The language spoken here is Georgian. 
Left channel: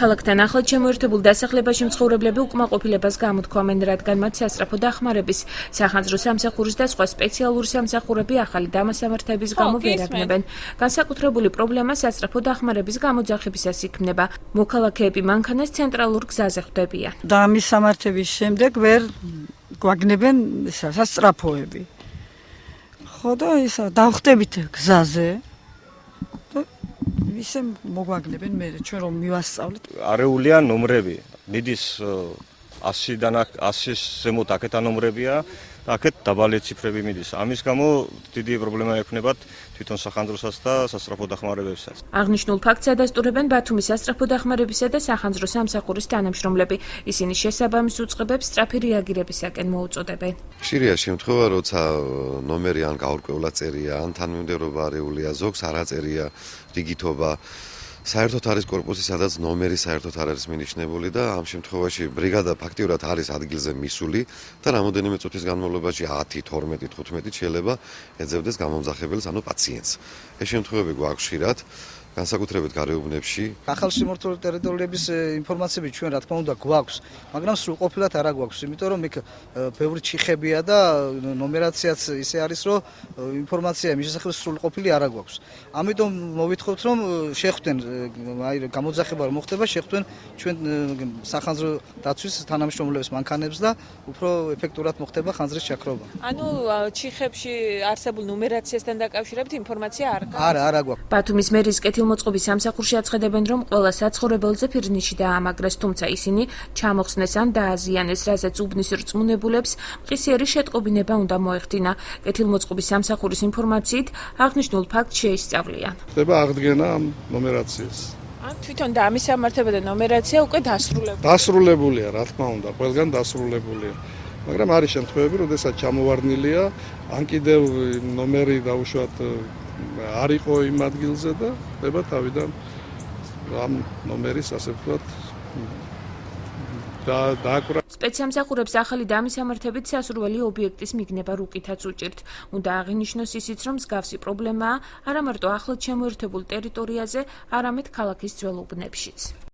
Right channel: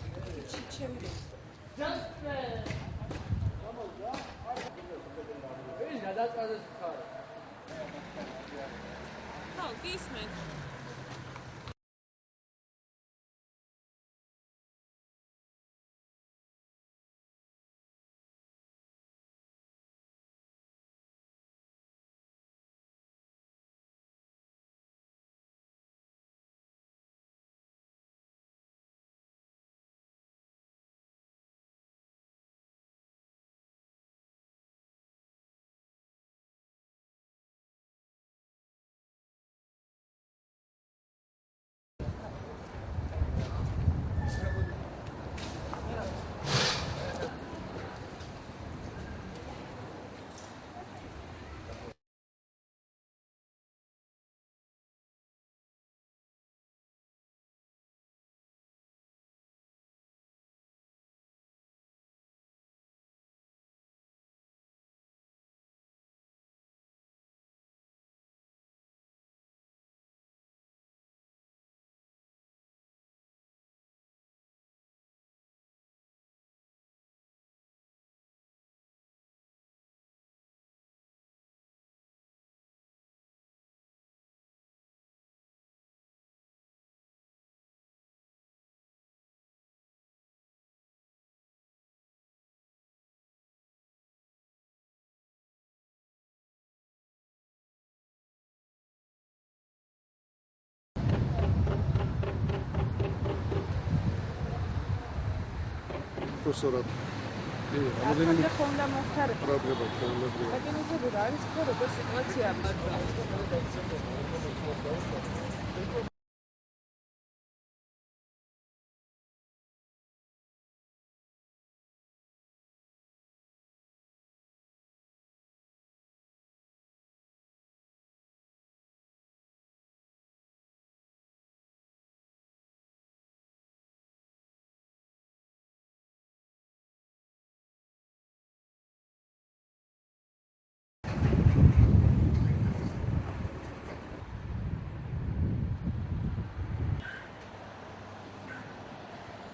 ქალაქთან ახლად შემოერთებულ დასახლებაში მცხოვრებლები უკმაყოფილებას გამოთქვამენ, რადგან მათ სასწრაფო დახმარების, სახანძრო სამსახურის და სხვა სპეციალური სამსახურები ახალი დამასამართების გამო ვერ აგნებენ. განსაკუთრებული პრობლემა სასწრაფო დახმარების გამოძახებისას იქმნება. მოქალაქეები მანქანას ცენტრალურ გზაზე ხვდებიან. დამისამართების შემდეგ ვერ გვაგნებენ სასწრაფოები. ხო და ისა დავხტებით გზაზე. ისე მოგვაგნებენ მე ჩვენ რომ მივასწავლეთ. არეულია ნომრები. მიდის 100-დან 100-ის ზემოთ აქეთა ნომრებია, აქეთ დაბალი ციფრები მიდის. ამის გამო დიდი პრობლემა ექნებათ თვითონ სახანძროსაც და სასწრაფო დახმარებებსაც. აღნიშნულ ფაქტს ადასტურებენ ბათუმის სასწრაფო დახმარებისა და სახანძრო სამსახურის თანამშრომლები. ისინი შესაბამის უწყებებს სწრაფი რეაგირებისაკენ მოუწოდებენ. ხშირია შემთხვევა, როცა ნომერი ან გაურკვევლად წერია, ან თანმიმდევრობა არეულია, ზოგს არ აწერია რიგითობა. საერთოდ არის კორპუსი, სადაც ნომერი საერთოდ არ არის მინიშნებული და ამ შემთხვევაში ბრიგადა ფაქტიურად არის ადგილზე მისული და რამოდენიმე წუთის განმავლობაში 10, 12, 15 შეიძლება ეძებდეს გამომძახებელს, ანუ პაციენტს. ეს შემთხვევები გვაქვს ხშირად. განსაკუთრებით გარეუბნებში. ახალშემორტული ტერიტორიების ინფორმაციები ჩვენ რა თქმა უნდა გვაქვს, მაგრამ სრულყოფილად არა გვაქვს, იმიტომ რომ იქ ბევრი ჩიხებია და ნომერაციაც ისე არის, რომ ინფორმაცია მის შესახებ სრულყოფილი არა გვაქვს. ამიტომ მოვითხოვთ, რომ შეხვდნენ, აი გამოძახება რომ მოხდება, შეხვდნენ ჩვენ სახანძრო დაცვის თანამშრომლებს მანქანებს და უფრო ეფექტურად მოხდება ხანძრის ჩაქრობა. ანუ ჩიხებში არსებულ ნუმერაციასთან დაკავშირებით ინფორმაცია არ გაქვს? არა გვაქვს. ბათუმის მერის კეთილმოწყობის სამსახურში აცხადებენ, რომ ყველა საცხოვრებელზე ფირნიში დაამაგრეს, თუმცა ისინი ჩამოხსნეს ან დააზიანეს, რასაც უბნის რწმუნებულებს ყისიერი შეტყობინება უნდა მოეხდინა. კეთილმოწყობის სამსახურის ინფორმაციით აღნიშნულ ფაქტს შეისწავლიან. ხდება აღდგენა ამ ნომერაციას. ან თვითონ დამისამართება და ნომერაცია უკვე დასრულებულია. დასრულებულია, რა თქმა უნდა, ყველგან დასრულებულია. მაგრამ არის შემთხვევები, როდესაც ჩამოვარდნილია, ან კიდევ ნომერი დაუშვათ არ იყო იმ ადგილზე და ხდება თავიდან ამ ნომერის ასე ვთქვათ დააკვრა. სპეცსამსახურებს ახალი დამისამართებით სასურველი ობიექტის მიგნება რუკითაც უჭირთ. უნდა აღინიშნოს ისიც, რომ მსგავსი პრობლემაა არა მარტო ახლად შემოერთებულ ტერიტორიაზე, არამედ ქალაქის ძველ უბნებშიც.